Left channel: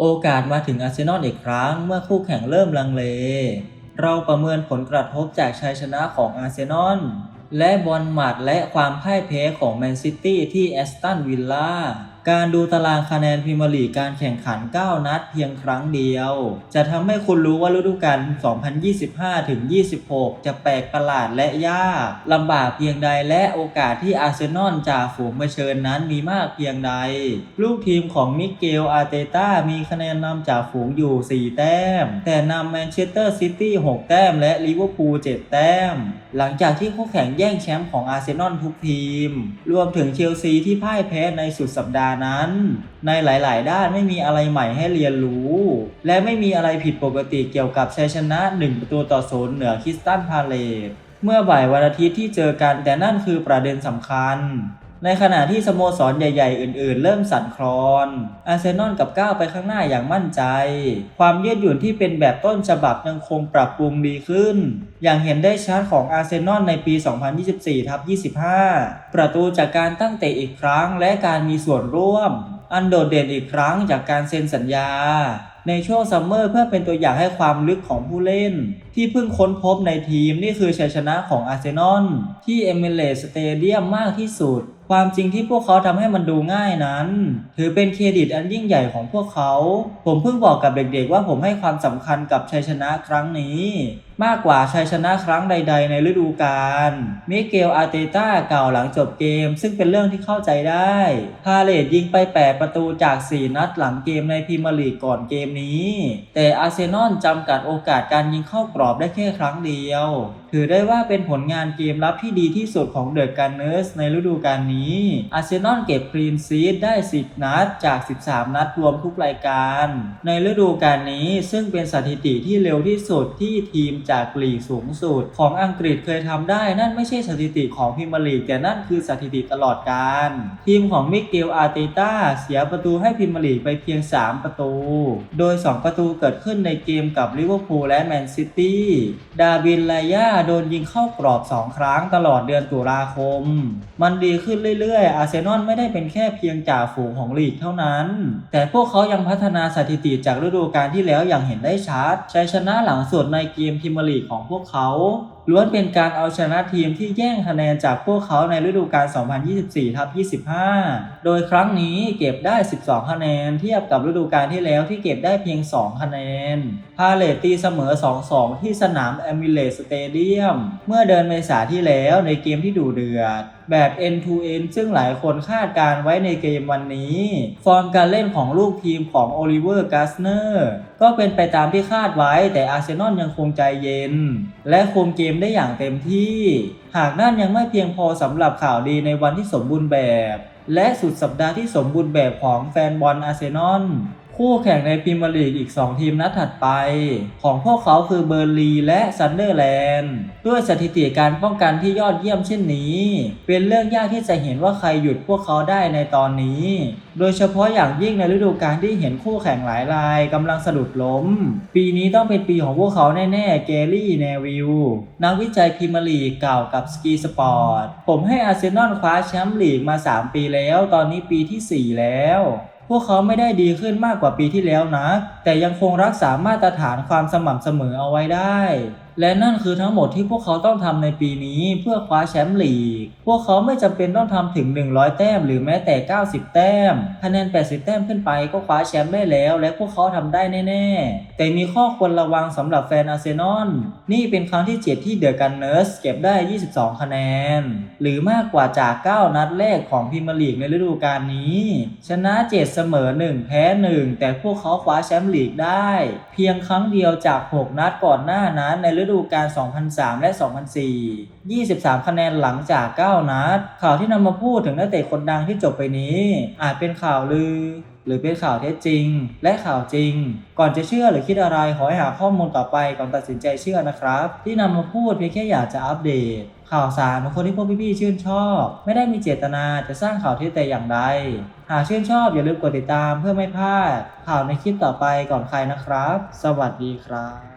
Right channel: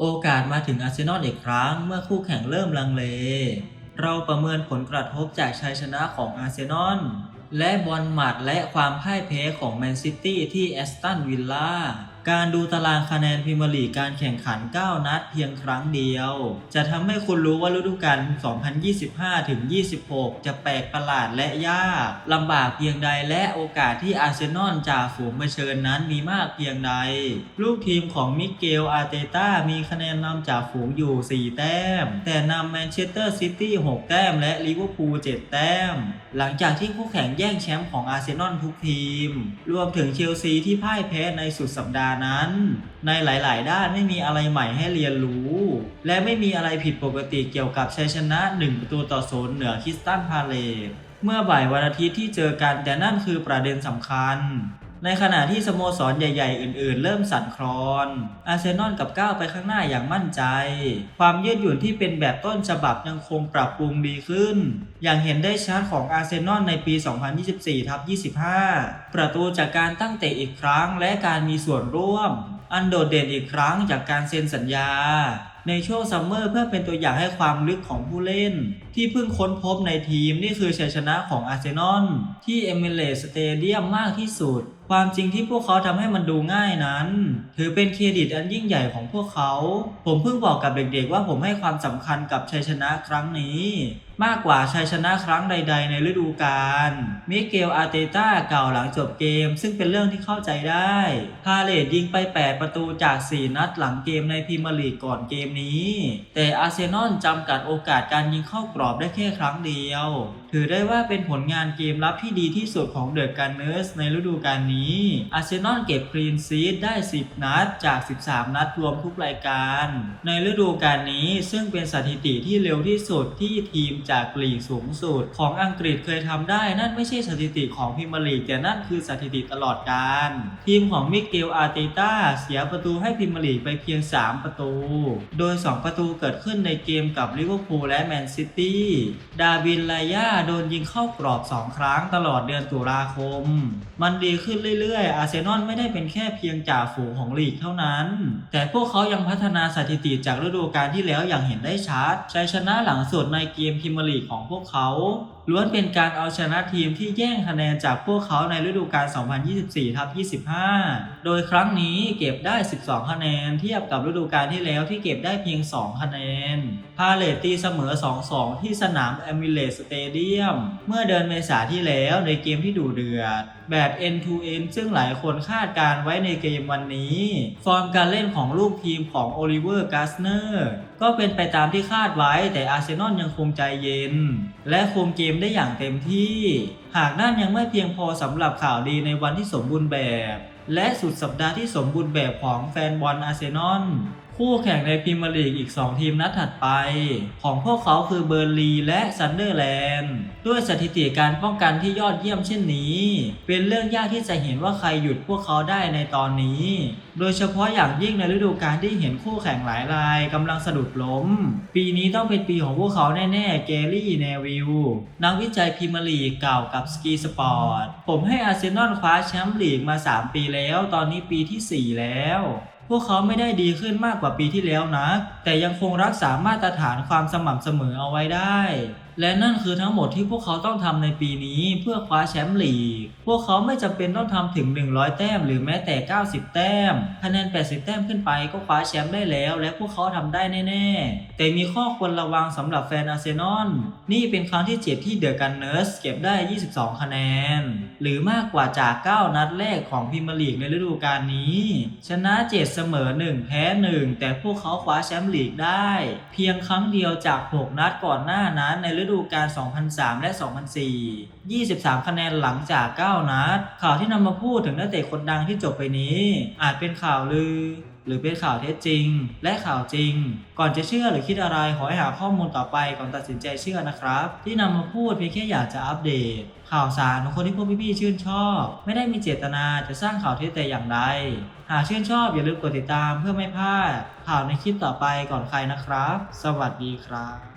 โอกาสมาถึงอาร์เซนอลอีกครั้งเมื่อคู่แข่งเริ่มลังเล เราประเมินผลกระทบจากชัยชนะของอาร์เซนอลและบอลหมัดและความพ่ายแพ้ของแมนซิตี้ที่แอสตันวิลล่า การดูตารางคะแนนพรีเมียร์ลีกการแข่งขัน 9 นัดเพียงครั้งเดียว จะทำให้คุณรู้ว่าฤดูกาล 2025-26 จะแปลกประหลาดและยากลำบากเพียงใดและโอกาสที่อาร์เซนอลจะฝูงเผชิญนั้นมีมากเพียงใด ลูกทีมของมิเกล อาร์เตต้า มีคะแนนนำจากฝูงอยู่ 4 แต้ม แต่นำแมนเชสเตอร์ซิตี้ 6 แต้ม และลิเวอร์พูล 7 แต้ม หลังจากที่คู่แข่งแย่งแชมป์ของอาร์เซนอลทุกทีม รวมถึงเชลซีที่พ่ายแพ้ในสุดสัปดาห์นั้น ในหลาย ๆ ด้านไม่มีอะไรใหม่ให้เรียนรู้ และไม่มีอะไรผิดปกติเกี่ยวกับชัยชนะ 1 ประตูต่อศูนย์เหนือคิสตันพาเลตเมื่อบ่ายวันอาทิตย์ที่เจอกันแต่นั่นคือประเด็นสำคัญ ในขณะที่สโมสรใหญ่ ๆ อื่น ๆ เริ่มสั่นคลอน อาร์เซนอลกับก้าวไปข้างหน้าอย่างมั่นใจ ความยืดหยุ่นที่เป็นแบบต้นฉบับยังคงปรับปรุงดีขึ้น อย่างเห็นได้ชัดของอาร์เซนอลในปี 2024ทับ25 ประตูจากการตั้งเตะอีกครั้งและการมีส่วนร่วม อันโดดเด่นอีกครั้งจากการเซ็นสัญญาในช่วงซัมเมอร์เพื่อเป็นตัวอย่างให้ความลึกของผู้เล่น ที่เพิ่งค้นพบในทีมนี่คือชัยชนะของอาร์เซนอลที่เอมิเรตสเตเดียมมากที่สุดความจริงที่พวกเขาทำให้มันดูง่ายนั้น ถือเป็นเครดิตอันยิ่งใหญ่ของพวกเขา ผมเพิ่งบอกกับเด็กๆว่าผมให้ความสำคัญกับชัยชนะครั้งนี้ มากกว่าชัยชนะครั้งใด ๆ ในฤดูกาลมิเกลอาร์เตต้ากล่าวหลังจบเกม ซึ่งเป็นเรื่องที่เข้าใจได้ พาเลตยิงไป 8 ประตูจาก 4 นัดหลังเกมในพรีเมียร์ลีกก่อนเกมนี้ แต่อาร์เซนอลจำกัดโอกาสการยิงเข้ากรอบได้แค่ครั้งเดียว ถือได้ว่าเป็นผลงานเกมรับที่ดีที่สุดของเดอะกันเนอร์สในฤดูกาลนี้อาร์เซนอลเก็บคลีนซีดได้ 10 นัดจาก 13 นัดรวมทุกรายการ ในฤดูกาลนี้ซึ่งเป็นสถิติที่เร็วที่สุดที่ทีมจากลีกสูงสุด ของอังกฤษเคยทำได้ นั่นไม่ใช่สถิติของพรีเมียร์ลีกแต่นั่นคือสถิติตลอดกาลทีมของมิเกลอาร์เตต้าเสียประตูให้พรีเมียร์ลีกไปเพียง 3 ประตู โดย 2 ประตูเกิดขึ้นในเกมกับลิเวอร์พูลและแมนซิตี้ดาบินไลยาโดนยิงเข้ากรอบ 2 ครั้งตลอดเดือนตุลาคม มันดีขึ้นเรื่อยๆ อาร์เซนอลไม่ได้เป็นแค่เพียงจ่าฝูงของลีกเท่านั้น แต่พวกเขายังพัฒนาสถิติจากฤดูกาลที่แล้วอย่างเห็นได้ชัดชัยชนะหลังสุดในเกมพรีเมียร์ลีกของพวกเขา ล้วนเป็นการเอาชนะทีมที่แย่งคะแนนจากพวกเขาในฤดูกาล 2024ทับ25 โดยครั้งนี้เก็บได้ 12 คะแนน เทียบกับฤดูกาลที่แล้วที่เก็บได้เพียง 2 คะแนน พาเลตตีเสมอ 2-2 ที่สนามแอมิเลสสเตเดียม เมื่อเดือนเมษาที่แล้วในเกมที่ดูเดือด แบบ end to end ซึ่งหลายคนคาดการไว้ในเกมวันนี้ ฟอร์มการเล่นของลูกทีมของโอลิเวอร์กาสเนอร์ก็เป็นไปตามที่คาดไว้แต่อาร์เซนอลยังคงใจเย็น และคุมเกมได้อย่างเต็มที่ หากนั่นยังไม่เพียงพอสำหรับข่าวดีในวันที่สมบูรณ์แบบ และสุดสัปดาห์ที่สมบูรณ์แบบของแฟนบอลอาร์เซนอล คู่แข่งในพรีเมียร์ลีกอีก 2 ทีมนัดถัดไป ของพวกเขาคือเบอร์ลีและซันเดอร์แลนด์ด้วยสถิติการป้องกันที่ยอดเยี่ยมเช่นนี้ เป็นเรื่องยากที่จะเห็นว่าใครหยุดพวกเขาได้ในตอนนี้ โดยเฉพาะอย่างยิ่งในฤดูกาลที่เห็นคู่แข่งหลายรายกำลังสะดุดล้ม ปีนี้ต้องเป็นปีของพวกเขาแน่ๆเกรี่เนวิลนักวิจัยพรีเมียร์ลีกเก่าวกับสกีสปอร์ตผมให้อาร์เซนอลคว้าแชมป์ลีกมา 3 ปีแล้ว ตอนนี้ปีทีสี่4 แล้ว พวกเขาไม่ได้ดีขึ้นมากกว่าปีที่แล้วนะ แต่ยังคงรักษามาตรฐานความสม่ำเสมอเอาไว้ได้ และนั่นคือทั้งหมดที่พวกเขาต้องทำในปีนี้เพื่อคว้าแชมป์ลีก พวกเขาไม่จำเป็นต้องทำถึง 100 แต้มหรือแม้แต่ 90 แต้ม คะแนน 80 แต้มขึ้นไปก็คว้าแชมป์ได้แล้ว และพวกเขาทำได้แน่ ๆ แต่มีข้อควรระวังสำหรับแฟนอาร์เซนอล นี่เป็นครั้งที่ 7 ที่เดอะกันเนอร์สเก็บได้ 22 คะแนน หรือมากกว่าจาก 9 นัดแรกของพรีเมียร์ลีกในฤดูกาลนี้ ชนะ 7เสมอ 1 แพ้ 1 แต่พวกเขาคว้าแชมป์ลีกได้ เพียงครั้งเดียวจาก 6 นัดก่อนหน้านั้นในฤดูกาล 2003 และ 2004 23 คะแนนหลังจาก 9 นัด ข่าวที่นำมาพูดถึงนักเตะคนดังที่จบไปนี้ อาจเป็นข่าวลือ หรือเป็นข่าวเท็จจริง และข่าวจริง ก่อนจะเชื่อหรือคิดอะไรขอให้หาข้อมูลต่อไปก่อนตัดสินใจเชื่อนะครับ ที่นำมาพูดเพียงแค่อยากจะอัปเดต ข่าวสารของคนที่พวกพี่ๆชื่นชอบ ไม่ได้มีเจตนาจะสร้างข่าวเท็จแต่อย่างใดหากชื่นชอบอย่าลืมกดติดตามเพื่อไม่พลาดข่าวในคลิปต่อไปก่อนใครนะครับ สวัสดีครับ